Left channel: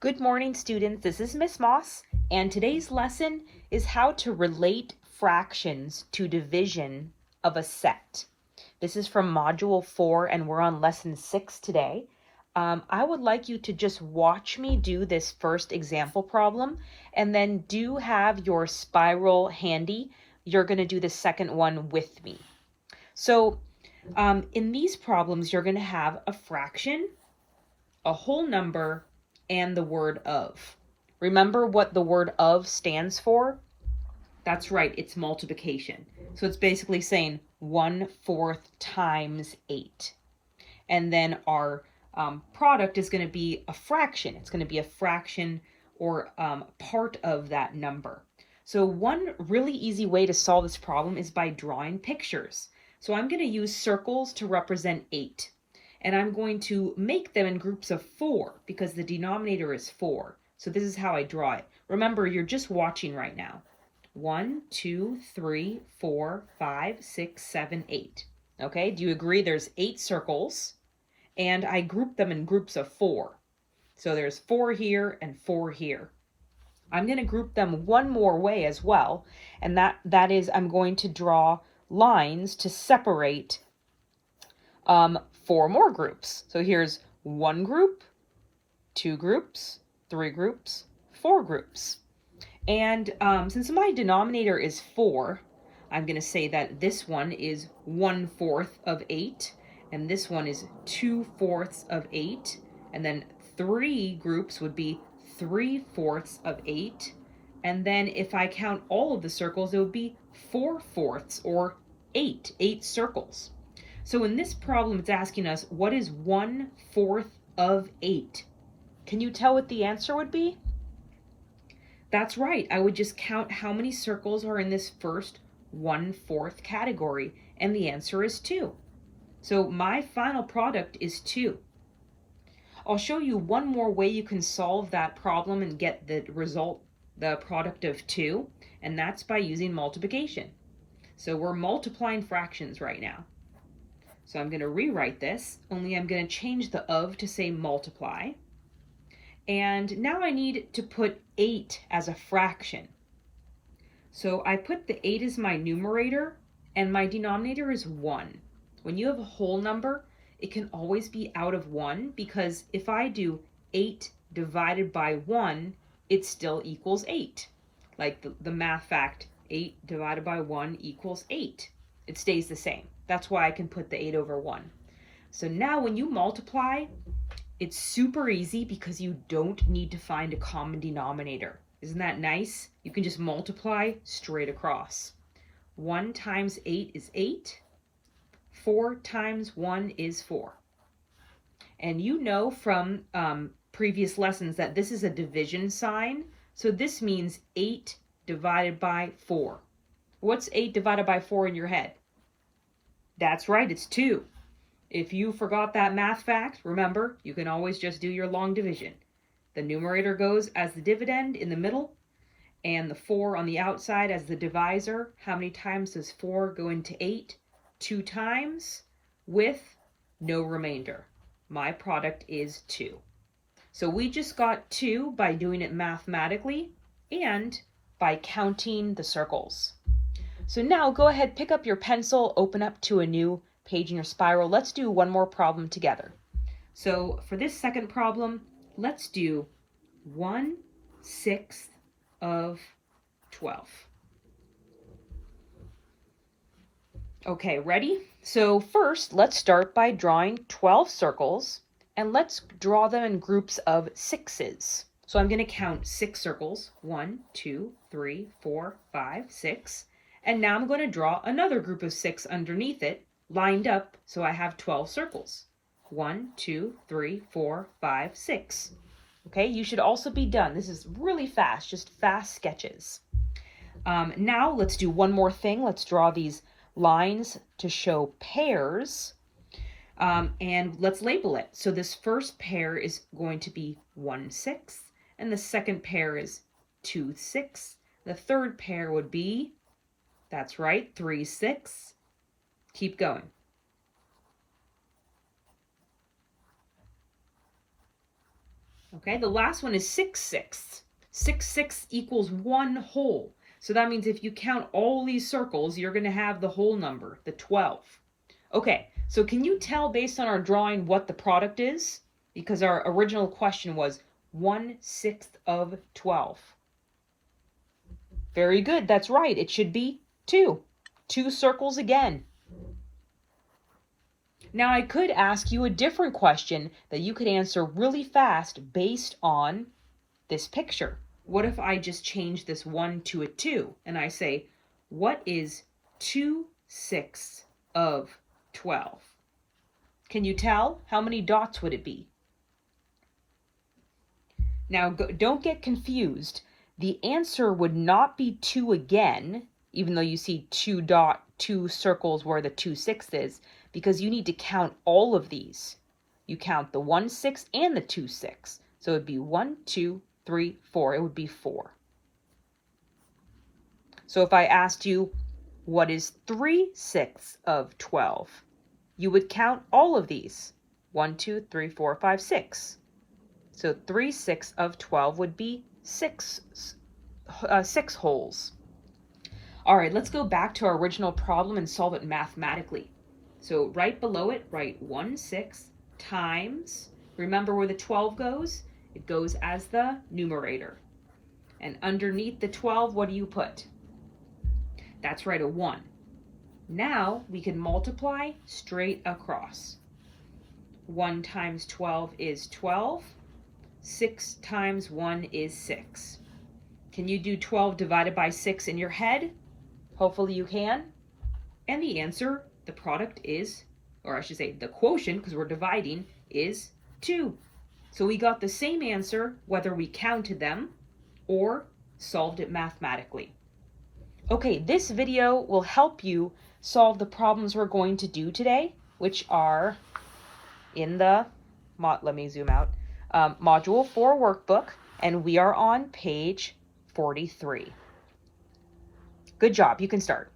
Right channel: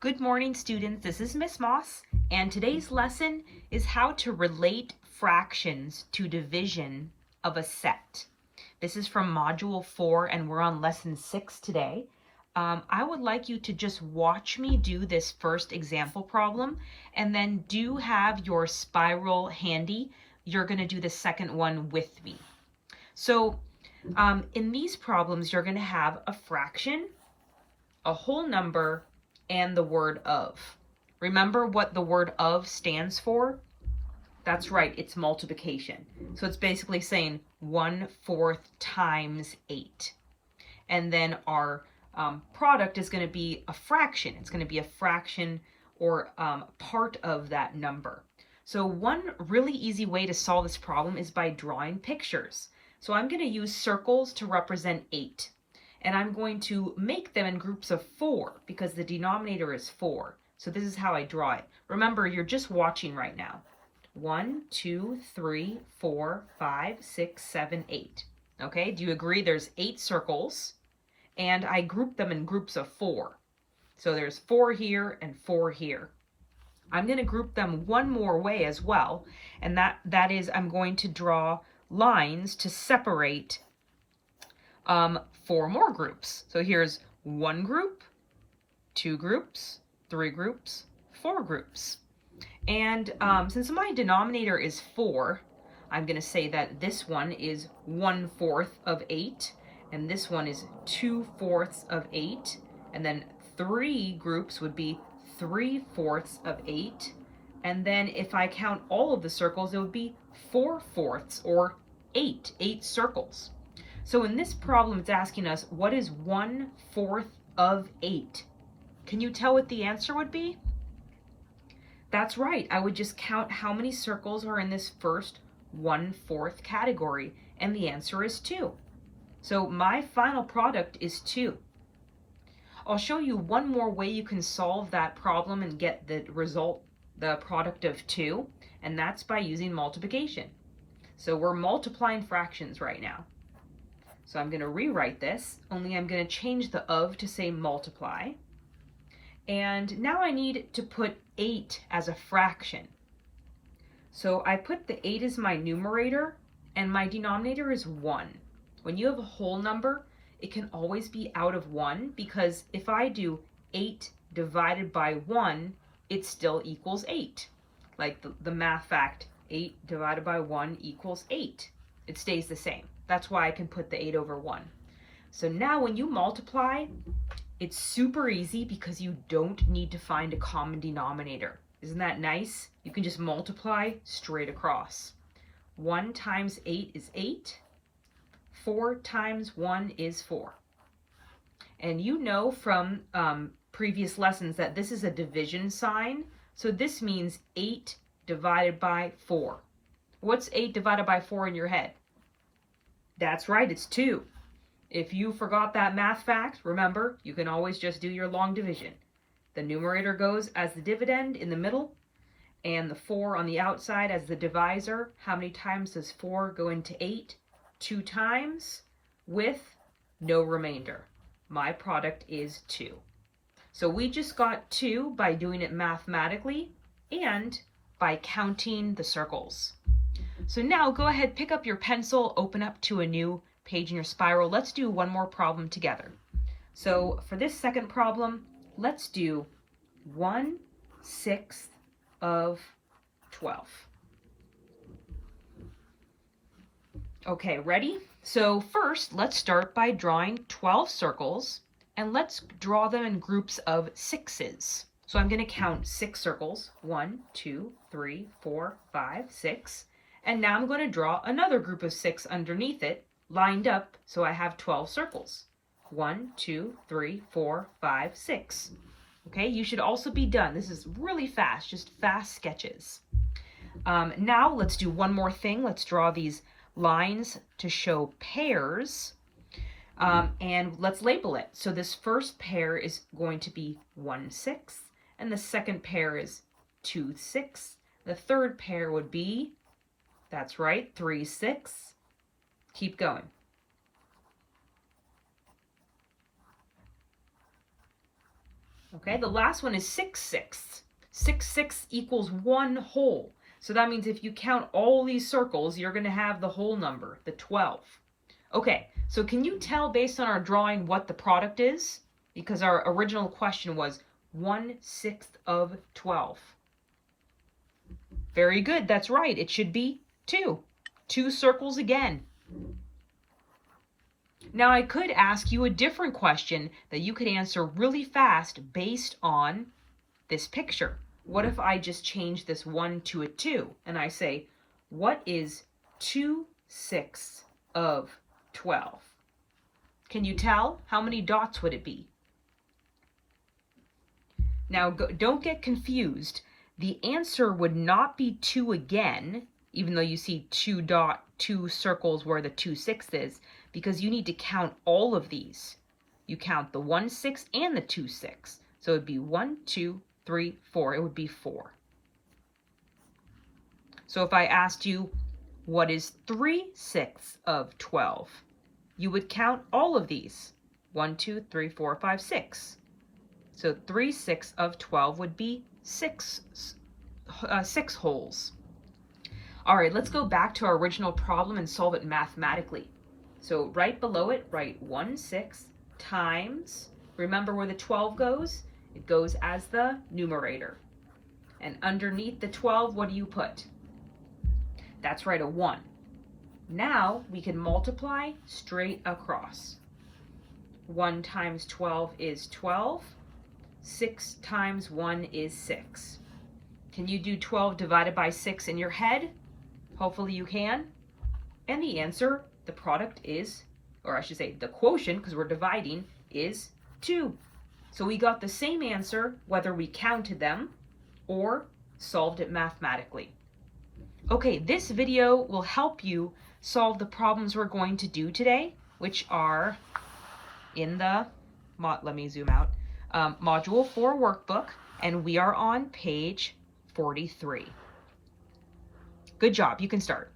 Good morning, students. This is Miss Moss, and today's lesson is how to relate fractions to division of a set. This is from Module 4, and we're on Lesson 6 today. I would like you to just watch me do this first example problem, and then do have your spiral handy. You're going to do the second one with me. So in these problems, you're going to have a fraction, a whole number, and the word of. Remember what the word of stands for? That's right, it's multiplication. So it's basically saying 1/4 times 8. And then our product is going to be a fraction. It's going to be a fraction or part of that number. So one really easy way to solve this problem is by drawing pictures. So I'm going to use circles to represent 8. And I'm going to make them in groups of 4 because the denominator is 4. So this is how I draw it. Remember, you're just watching right now. 1, 2, 3, 4, 5, 6, 7, 8. Okay, do you agree there's 8 circles? And I group them in groups of 4. So there's 4 here and 4 here. I'm going to group them one more way as well, and that is I'm going to draw lines to separate 4 more groups. So here's 1 group, 2 groups, 3 groups, 4 groups. And since my denominator is 4, I'm going to say that this one is 1/4 of 8, and this one is 2/4 of 8, and then 3 groups would be 3/4 of 8, and then if I count all of the circles, it would be 4/4 or 8 circles. So in this problem, it's asking us, what is 1/4 of 8? Can you tell what the answer would be? That's right, I would just count how many circles are in this first 1/4 category, and the answer is 2. So my final product is 2. I'll show you one more way you can solve that problem and get the result, the product of 2, and that's by using multiplication. So we're multiplying fractions right now. So I'm going to rewrite this, only I'm going to change the of to say multiply. And now I need to put 8 as a fraction. So I put the 8 as my numerator, and my denominator is 1. When you have a whole number, it can always be out of 1, because if I do 8 divided by 1, it still equals 8. Like the math fact, 8 divided by 1 equals 8. It stays the same. That's why I can put the 8 over 1. So now when you multiply, it's super easy because you don't need to find a common denominator. Isn't that nice? You can just multiply straight across. 1 times 8 is 8. 4 times 1 is 4. And you know from previous lessons that this is a division sign. So this means 8 divided by 4. What's 8 divided by 4 in your head? That's right, it's 2. If you forgot that math fact, remember, you can always just do your long division. The numerator goes as the dividend in the middle, and the 4 on the outside as the divisor. How many times does 4 go into 8? 2 times, with no remainder. My product is 2. So we just got 2 by doing it mathematically and by counting the circles. So now go ahead, pick up your pencil, open up to a new page in your spiral. Let's do one more problem together. So for this second problem, let's do 1/6 of 12. Okay, ready? So first, let's start by drawing 12 circles, and let's draw them in groups of 6s. So I'm going to count 6 circles, 1, 2, 3, 4, 5, 6. And now I'm going to draw another group of 6 underneath it, lined up, so I have 12 circles. 1, 2, 3, 4, 5, 6. Okay, you should also be done. This is really fast, just fast sketches. Now let's do one more thing. Let's draw these lines to show pairs, and let's label it. So this first pair is going to be 1/6, and the second pair is 2/6. The third pair would be, that's right, 3/6. Keep going. Okay, the last one is 6/6. 6/6 equals 1 whole. So that means if you count all these circles, you're going to have the whole number, the 12. Okay, so can you tell based on our drawing what the product is? Because our original question was 1/6 of 12. Very good, that's right. It should be 2. 2 circles again. Now I could ask you a different question that you could answer really fast based on this picture. What if I just change this 1 to a 2 and I say, what is 2/6 of 12? Can you tell? How many dots would it be? Now don't get confused. The answer would not be 2 again, even though you see 2 circles where the 2/6 is, because you need to count all of these. You count the 1/6 and the 2/6. So it would be 1, 2, 3, 4. It would be 4. So if I asked you, what is 3/6 of 12? You would count all of these. 1, 2, 3, 4, 5, 6. So 3/6 of 12 would be 6 wholes. All right, let's go back to our original problem and solve it mathematically. So right below it, write 1/6 times, remember where the 12 goes? It goes as the numerator. And underneath the 12, what do you put? That's right, a 1. Now we can multiply straight across. 1 times 12 is 12. 6 times 1 is 6. Can you do 12 divided by 6 in your head? Hopefully you can. And the answer, the product is, or I should say the quotient, because we're dividing, is 2. So we got the same answer whether we counted them or solved it mathematically. Okay, this video will help you solve the problems we're going to do today, which are in the, let me zoom out, Module 4 workbook, and we are on page 43. Good job, you can start.